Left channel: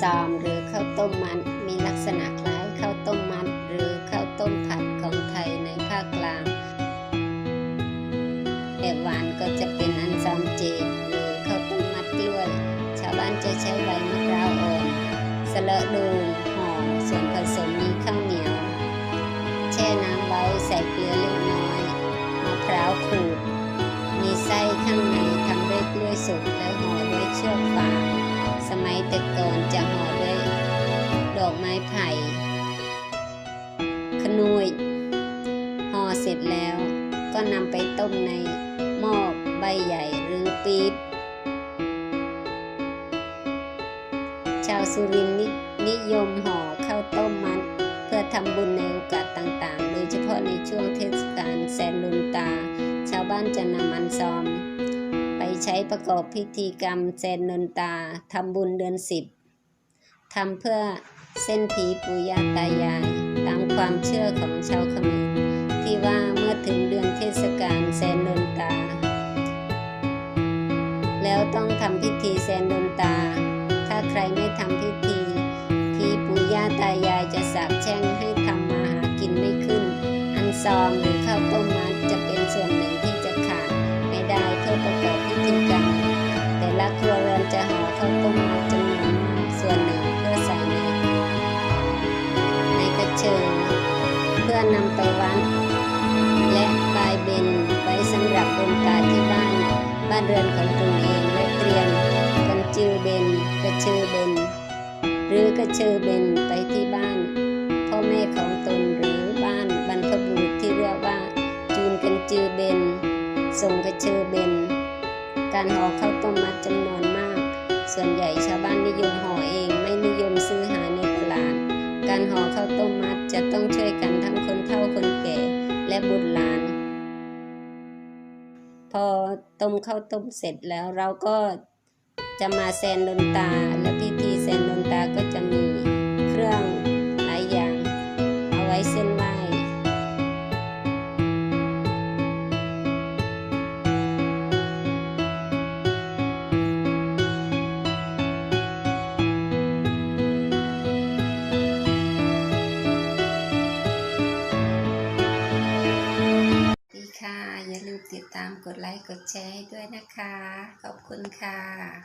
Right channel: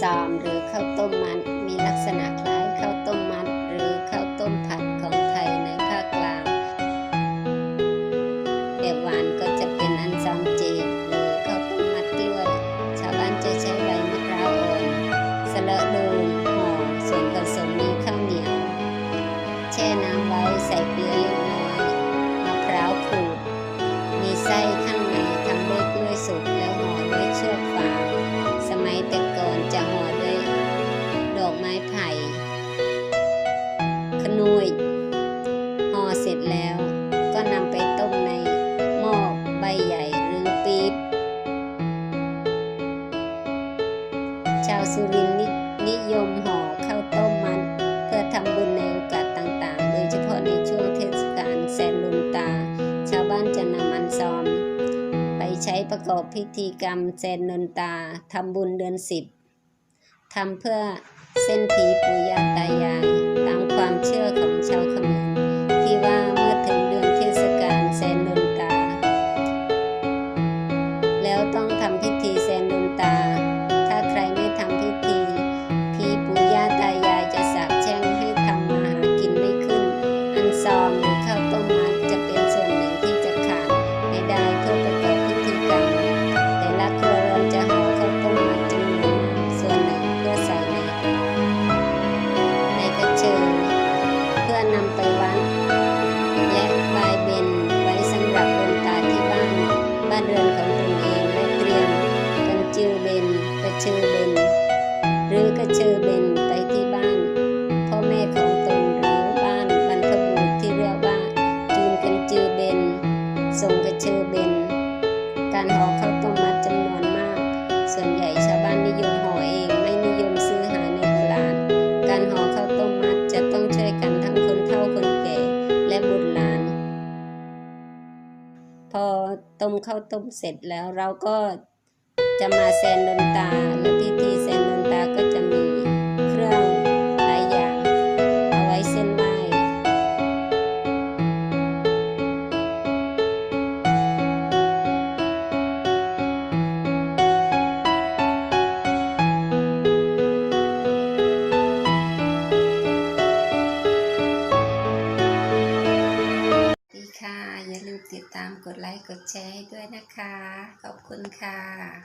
ซอมหรือข้าวต้มมัดมีลักษณะคล้ายข้าวต้มมัด หรือข้าวต้มผัดของไทยในภาคกลางแบบหวานก็จะเป็นอันซอมจีหรือข้าวต้มมัดกล้วย ชาวบ้านจะใช้ใบมะพร้าวอ่อนสะเละดูงห่อส่วนผสมมีข้าวเหนียว แช่น้ำไว้ใส่เกลือเล็กน้อยมะพร้าวขูดมีไส้ข้างในทำด้วยกล้วยสุกแล้วห่อด้วยเชือกฟาง สมัยแต่ก่อนจะห่อด้วยดอกไม้ไผ่ ขนุยห่อเสร็จแล้วก็นำไปต้มในหม้อใบใหญ่หรือปี๊บ ชาวสุรินทร์นินิยมห่อข้าวต้มมัดเพื่อทำบุญในโอกาสต่างๆ โดยเฉพาะในช่วงเทศกาลแซนลุนตา ชาวบ้านจะนำอันซอม ไปใช้ประกอบพิธีกรรมแซนลุนตาทำบุญเดือนสิบทำเพื่อเส้นผีปู่ย่าตายาย ตามความเชื่อของชาวเขมรที่ว่าเมื่อถึงเดือนเทศกาลแซนลุนตา แล้วต้องทำพิธีแซนลุนตา ถ้าใครไม่ทำพิธีพี่ปู่ย่าตายายจะสาปแช่งให้ทำมาหากินไม่ขึ้น อันซอมหรือข้าวต้มมัดจะเป็นส่วนหนึ่งที่จะขาด ไม่ได้เพื่อประกอบพิธีกรรม แต่ละครัวเรือนจะห่อข้าวต้มมัดจำนวนมากส่วนหนึ่งเพื่อใส่ในในกระเชิงเพื่อนำไปวัด และบายเบนไว้สำหรับดนตาที่บ้านบ้านเรือนของตนเองและเตรียมกันจือเบนกระเชือเบนหรือกระเชือเบนไปที่บ้านพ่อแม่ของตนหรือบ้านบรรพบุรุษที่เรียกว่าจูนกันจือเบน ส่งกระเชือเบน การห่อข้าวต้มมัดจำนวนมาก ส่วนใหญ่ชาวบ้านนิยมห่อเองไม่นิยมซื้อหาในตลาด การห่อข้าวต้มมัดจะต้องช่วยกันทั้งคนเฒ่าคนแก่และบุตรหลาน พอต้มข้าวต้มเสร็จแล้วเราก็จะมาแซนดนตา และพิธีแซนดนตาก็จะมีเครื่องหลายอย่าง เอาไว้เส้นไหว้ อย่าลืมติดตามกดไลค์กดแชร์ให้ด้วยนะคะ ขอบคุณค่ะ